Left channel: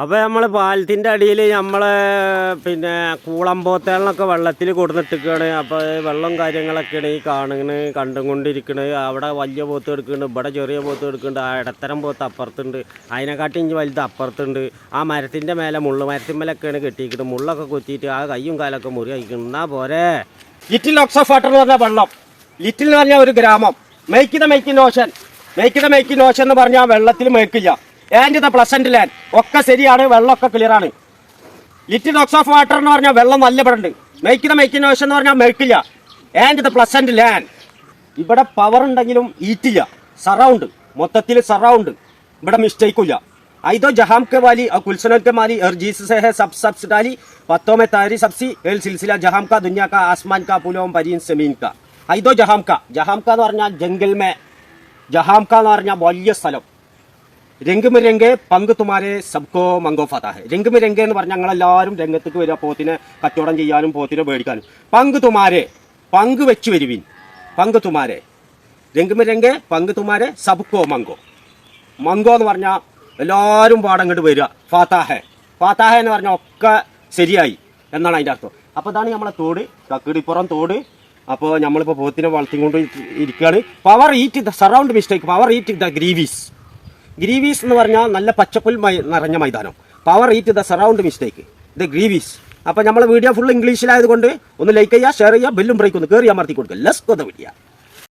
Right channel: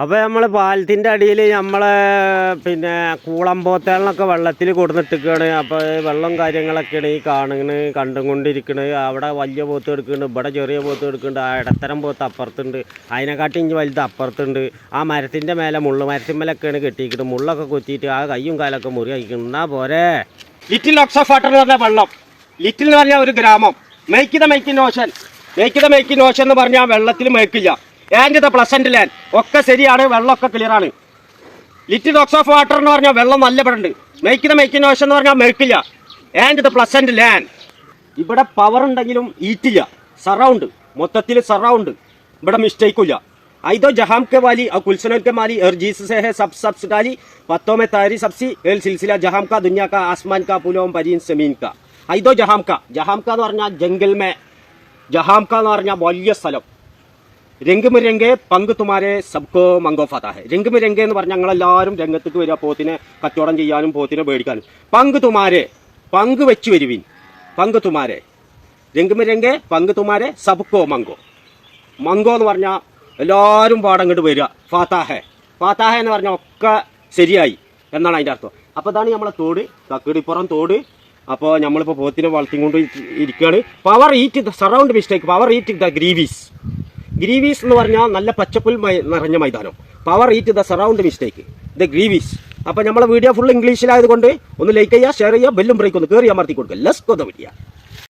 അപ്പോൾ നമ്മൾ പാലത്തിന്റെ അടിയിൽ നമ്മൾ പിന്നെ കൂളമ്പോത്തേളിനൊക്കെ വെള്ളത്തിൽ കൊടുന്നിട്ടിരിക്കുകയാണ് അപ്പോൾ വെള്ളം കാര്യങ്ങളൊക്കെയാണ് ഈ കാണുന്നത് കണ്ടും കൊണ്ടിരിക്കുന്നത് അവിടെ വലിയ പോത്ത് എടുക്കുന്നുണ്ട് ഇവിടെ ചെറിയ പോത്ത് എടുക്കുന്നുണ്ട് ആ ഇടത്തരം പോത്ത് അപ്പുറത്തുണ്ട്. അതിനെക്കാട്ടി ഇഞ്ചി വലുത് അപ്പുറത്തുണ്ട്. ആ മരത്തിന്റെ മേലെ മുള്ളു മരത്തിന്മേലൊക്കെയാണ് കെട്ടിയിരിക്കുന്നത് മുള്ളൊക്കെ കുത്തിയിട്ട് ആ കയ്യും കാലൊക്കെ മുറി അയക്കുന്നു എന്നാ പോരെ? ലിറ്റിൽ ലോക്സ് ഓഫ് വാട്ടർ എന്ന് പറഞ്ഞ വെള്ളം. ലിറ്റിൽ എന്ന് പറഞ്ഞാൽ ഒരു ഗ്രാമം. മേക്കിത മേക്കിൻ ഓഷൻ മേക്കിത മേക്കിൻ ഓഷൻ എന്ന് പറഞ്ഞാൽ വെള്ളത്തിൽ മേക്കില്ല ആൻഡ് ദ പ്ലസന്റ് ലാൻഡ് ഒക്കെ ശരിയാണ് വെള്ളമൊക്കെ ക്ലിയറാണ് ലിറ്റിൽ ഡോക്സ് ഓഫ് വാട്ടർ എന്ന് പറഞ്ഞാൽ വെള്ളം നല്ല പെടുണ്ട് മെയ്ക്കുന്ന മെയ്ക്കുന്ന ഓഷൻ എന്ന് പറഞ്ഞാൽ മെയ്ക്കില്ല ആൻഡ് ദ പ്ലസന്റ് ലാൻഡ് ഇവിടെ പവർ ഉണ്ടെങ്കിലും ഈറ്റില്ല സറൗണ്ട് മൊത്തത്തിൽ സറൗണ്ട് ഇവിടെ മിസ്റ്റേക്കില്ല ഐദോ ജഹാം കെ വാലി ആ കുൽസനൽ കെ മാലി ഹർ ജീസ് ഹെ സബ് സബ്സ് ഡാലി പത്തോ മെ താരി സബ്സി എൽ സിൽസില ജഹാം കാ ദുനിയ കാ ആസ്മാൻ കാ പുലോം പരീൻ സെമീൻ കാ ഐദോ ജഹാം കാ ജഹാം കാ എന്ന് പറഞ്ഞാൽ ജംഗിൽ മേ ജഹാം കാ എന്ന് പറഞ്ഞാൽ വലിയ സ്ഥലം. രംഗ് മിരംഗെ പങ്ക് തുമാരെ സബ്കോ ഹെ രംഗ് മിരംഗെ എന്ന് പറഞ്ഞാൽ ഞങ്ങളെല്ലാവരും രംഗത്തേക്ക് വരിക പോത്തിനെ കച്ചവടം ചെയ്യാനും പോത്തിനെ മേടിക്കാനും പങ്ക് തുമാരെ പങ്ക് വെച്ച് വരുവിൻ. പങ്ക് തുമാരെ രംഗ് മിരംഗെ പങ്ക് തുമാരെ സബ്കോ മങ്കോ മങ്കോ എന്ന് പറഞ്ഞാൽ എല്ലാവരും പാടം ഇങ്ങോട്ട് വരിക. ഫാത്താഹെ ഫാത്താഹെ എന്ന് പറഞ്ഞാൽ ഒക്കെ ശരിയായി എന്നാണ് അതിന്റെ അർത്ഥം. അപ്പോൾ ഇതാണ് നമ്മളെ തോട്. കക്കിടിപ്പുറം തോട്. അപ്പോൾ നമ്മളിപ്പോൾ പോത്തിനെ വളർത്തിക്കൊണ്ട് ഇരിക്കുകയാണ് power eat the surround mistake power eat the greaves greaves എന്ന് പറഞ്ഞാൽ നല്ല പച്ചപ്പുൽ നിറഞ്ഞ മൈതാനം. Power eat the surround mistake the greaves. അപ്പോൾ നമ്മളെ വീഡിയോ ഫുൾ ഇംഗ്ലീഷിലായതുകൊണ്ട് ഒന്ന് ലൈക്ക് ചെയ്യുക ഷെയർ ചെയ്യുക ബെല്ലും ബ്രേക്ക് ഒന്ന് കയറി അമർത്തി കൊടുക്കുക. ലെസ് കൊതവിടിയ